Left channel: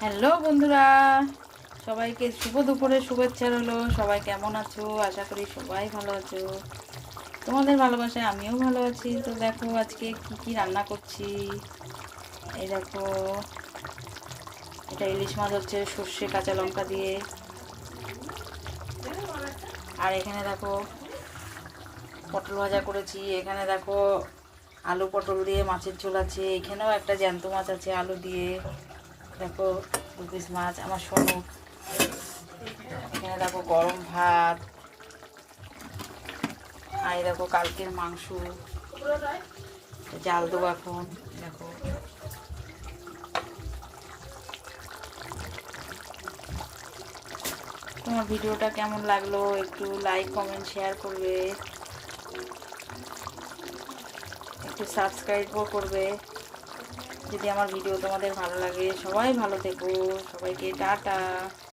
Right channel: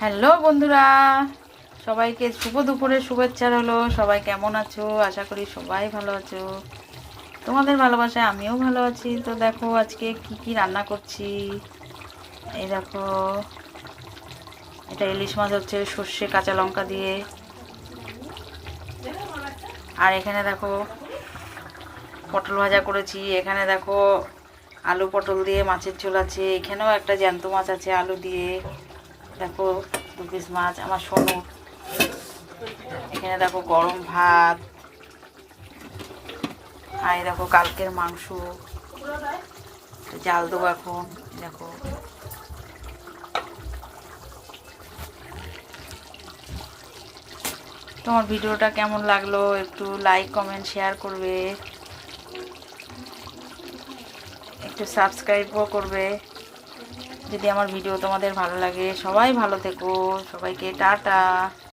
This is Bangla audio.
হ্যালো বন্ধুরা, সবাইকে শুভ দুপুরের শুভেচ্ছা রইলো। সবাই কেমন আছো? আশা করি সবাই ভালো আছো। তোমাদের ভালোবাসায় আমিও ভালো আছি। তো দেখো আজকে কি কি রান্না করছি। এই দেখো, এটা ইলিশ মাছ হচ্ছে সর্ষে কাঁচা লঙ্কা দিয়ে। আর এখানে দেখো পটল ভাজা করেছি। এখানে দেখো আলু পটল দিয়ে মাছের ঝোল আছে। এখানেও একটা জ্যান্ত মাছ আছে আলু দিয়ে। দেখো 2 পিস মাছ আমার সোনু। এখানে দেখো গরম ভাত। আর এই দেখো কালকের মাংস জাল দেবো এখন। দেখো তোমার ভিডিওটা কেমন লাগলো একটু লাইক কমেন্ট শেয়ার করবে, একটু সাবস্ক্রাইবও করবে যদি আমার ভিডিও তোমাদের ভালো লাগে। সবাই ভালো থেকো, সবাইকে টাটা।